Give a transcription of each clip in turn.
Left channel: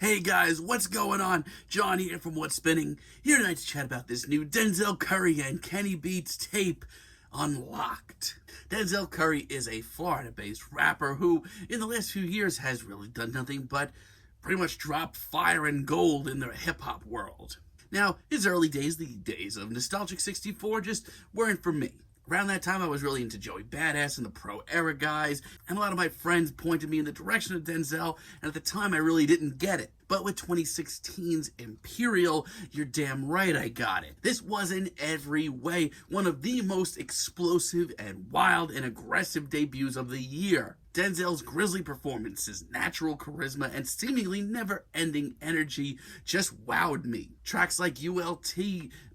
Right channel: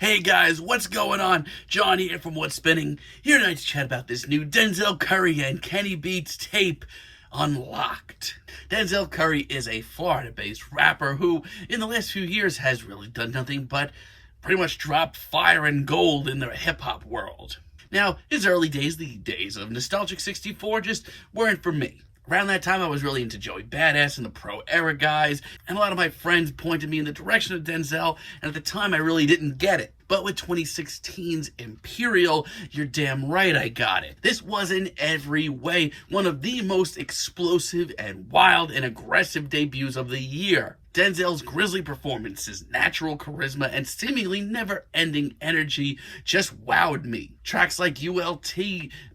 Hey guys, what's going on? John here from What's Spinning, here tonight to chat about this new Denzel Curry and Kenny Beats tape, Unlocked. Denzel Curry is a Florida-based rapper who, in the last few years, has really done nothing but pretty much drop fire and gold in the hip-hop world. Now, his early days, the days of Nostalgic 64, just weren't for me. Around that time, I was really into Joey Badass and the Pro Era guys, and a lot of my friends pointed me in the direction of Denzel, and at the time, I really didn't get it. But with 2016's Imperial, you're damn right I got it. This was in every way one of the most explosive and wild and aggressive debuts of the year. Denzel's grisly performances, natural charisma, and seemingly never-ending energy just wowed me. Tracks like ULT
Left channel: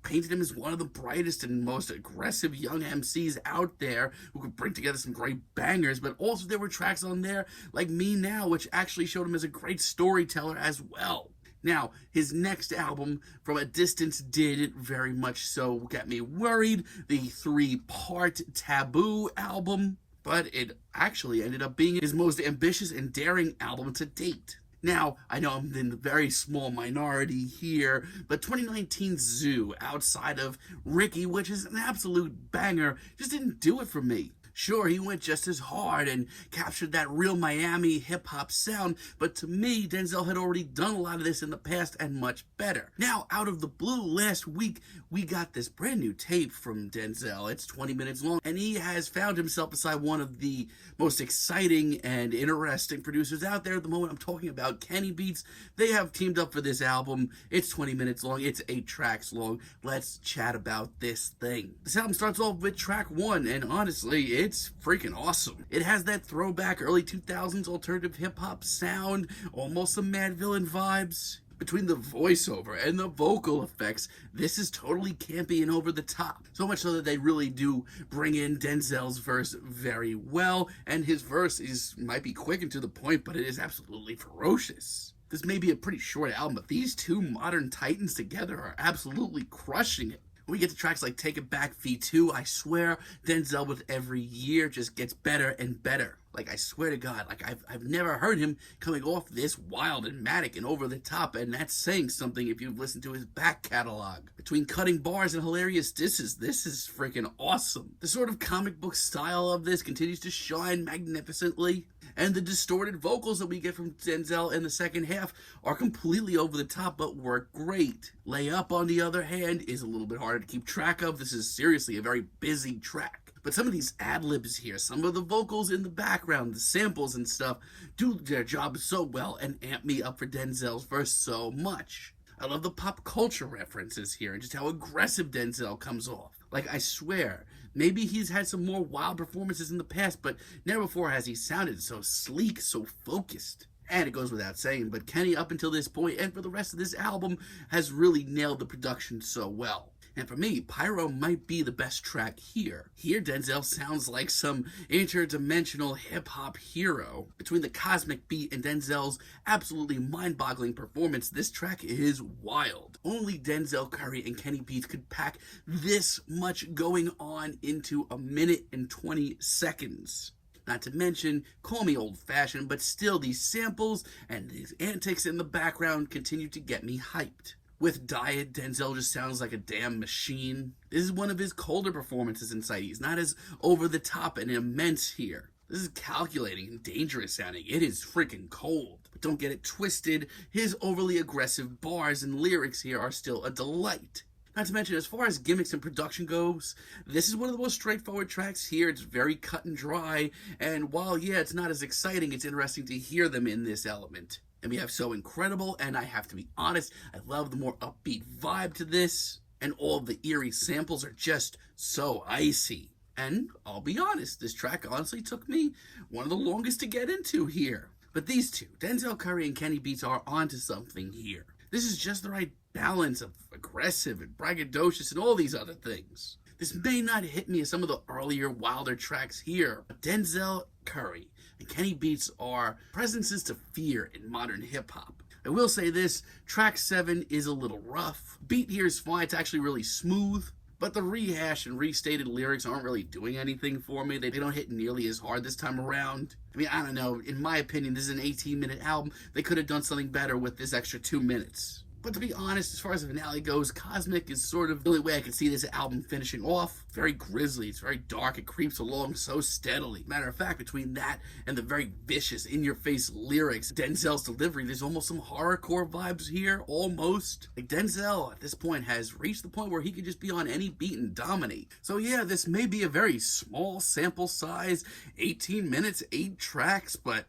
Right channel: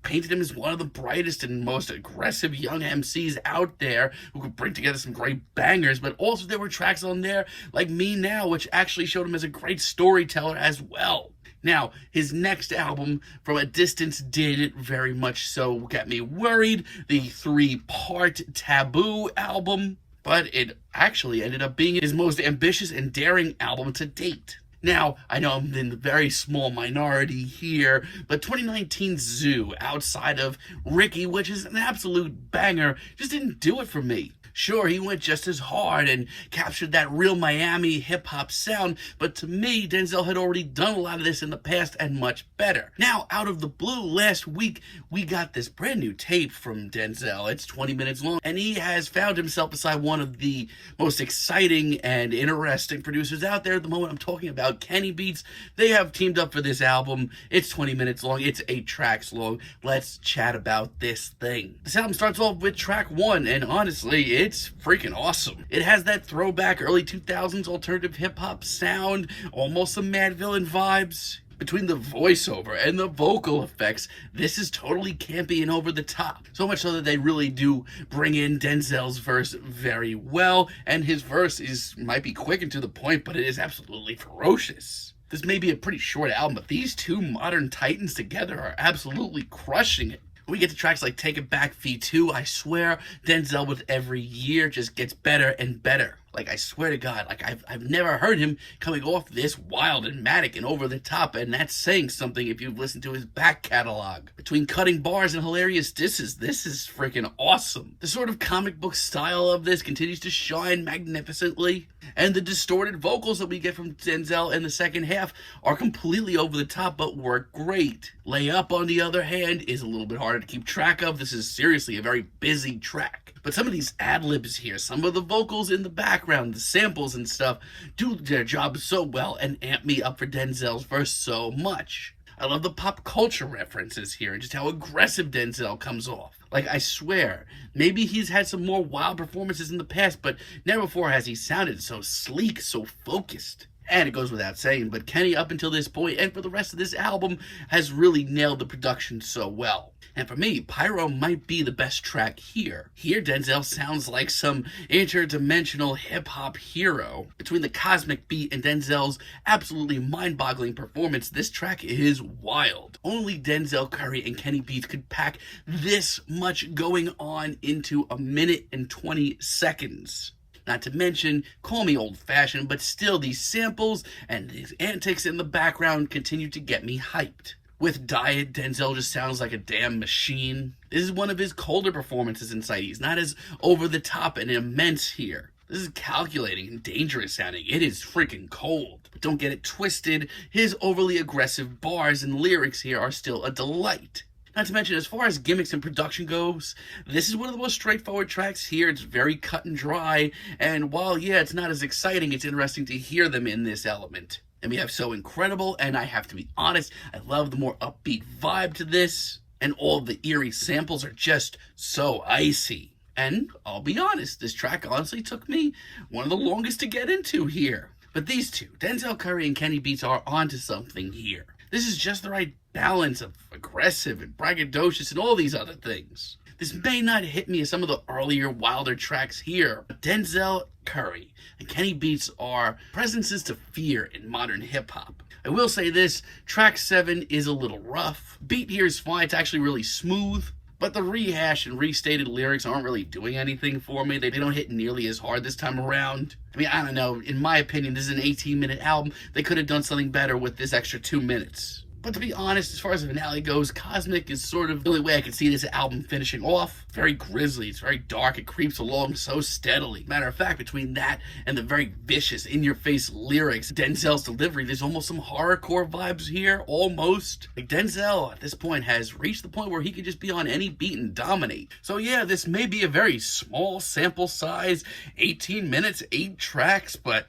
painted him as one of the brightest and most aggressive young MCs out there who could bring together some great bangers, but also there were tracks on there like Me Now, which actually showed him as a great storyteller as well. Now, his next album, From a Distance, did very much so get me worried. The three-part Taboo album, but it actually ended up being his most ambitious and daring album to date. Now, I know I'm in a very small minority here, but 2019's Zoo, outside of Ricky, which is an absolute banger, just didn't do it for me. Sure, he went just as hard and captured that real Miami hip-hop sound, but to me, Denzel had already done a lot of this in the past and much better. Now, out of the blue, last week, we got this brand new tape from Denzel. It's 20 minutes long, and he has found himself beside one of the most exciting and interesting producers out there at the moment. I'm talking about Kenny Beats. They have teamed up for this album. It's 20 minutes long. It's 8 tracks long. Let's chat about this thing. This album starts off with track 1, and honestly, it's freaking awesome. It has that throwback early 2000s alternative hip-hop sound, almost some Mad Villain vibes. Between the voiceover and the vocal effects, this is totally campy and over the top. So much so that they really do bring in Denzel's verse very well, and his verse might be quick and to the point, but it is absolutely ferocious. This may be a pretty short album, but these two modern titans together are absolutely crushing it. When we get to tracks like Take It Back V2, I swear Denzel with every year just gets better and better. Like, I swear to God, like, I've never heard him coming off this wild and manic and over the top, and that's saying something if you've listened to his back catalog. Between cutting bars and hilarious disses, this is freaking awesome. The sort of comic book style of this continues to shine magnificently, and the distorted vocals that we get from Denzel in the second half are completely over the top, but work great. Lay Up, on the other hand, is a little bit harder to keep track of. This is seriously a very busy track. But some of these ad-libs here, some of the vocals in the background, the samples and stuff, do their job so well and amp me up for Denzel's verse so much. I love the pop culture references here and just how aggressive Denzel comes off. Like, I swear, maybe he's had some more wild performances in the past, but never before has he sounded so sleek, so focused. And it goes without saying, but Kenny, up until this point and for the rest of this album, has really nailed the production so well. And for me, Pyro might be the best track here. Here, Denzel sounds like some interdimensional hip-hop hero. Between the cosmic beat and Denzel's absolutely mind-boggling performance, this track is wild. Only Denzel Curry and Kenny Beats could pack this much going on into a minute and 20 seconds. Not to mention, call me old-fashioned, but still these samples and these antics in the background continue to get me hyped. With Diet, Denzel just sounds like a damn machine. This is one of his colder performances in sight. He's not as over-the-top and immense here. This is calculating and dangerous sounding. It is freaking cold. But don't get it twisted. His overly aggressive bars and lyrics here are still a delight. Not to mention, as far as gimmicks and production goes, this is one of the most straightforward tracks here. It's very cut and dry, and while, yeah, it's not as exciting, it's interesting to hear them in this element. And we have So Incredible, and I have to be honest, I love the more upbeat vibe to this, and all the eerie samples are just so icy. And I'll be honest, this track honestly took me one of the longest to get into here. But these two, Denzel Curry and Kenny Beats, are onto something here. This is just the right balance of aggressive and braggadocious and all these other things. This may not hit me as some of the earlier, wilder tracks here, but Denzel Curry and Kenny Beats are presences to fear in modern hip-hop. I will say this, track 7 is a little rough. Beat here is fine, it's actually really smooth, but the rehash and restated lyrics aren't really doing anything for me. They don't hit nearly as hard this time around. I mean, I don't know. In my opinion, this is an 18-minute album. They could have done something better with this extra 2 minutes. But to be honest, as far as the finale goes, Cosmic is sort of the only way I can see this album finishing off. Very grisly, it's very dark, it creeps along so steadily. Matter of fact, between that and the very vicious, in-your-face lyrics, Denzel's delivery, there's almost some horrorcore vibes here, almost. Like, Denzel, at this point, has reached the point where he could just be on any beat and dominate. So yeah, this may be a very small sample size, 18 minutes, 8 tracks, but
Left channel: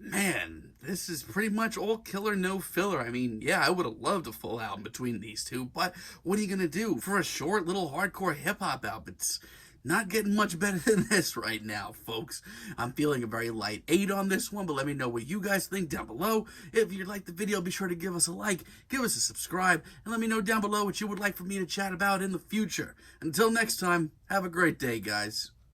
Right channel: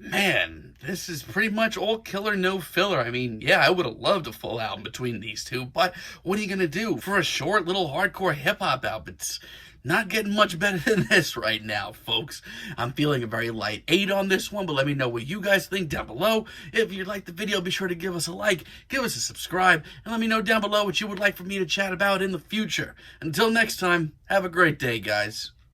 man, this is pretty much all killer, no filler. I mean, yeah, I would have loved a full album between these two, but what are you going to do? For a short little hardcore hip-hop album, it's not getting much better than this right now, folks. I'm feeling a very light 8 on this one, but let me know what you guys think down below. If you liked the video, be sure to give us a like, give us a subscribe, and let me know down below what you would like for me to chat about in the future. Until next time, have a great day, guys.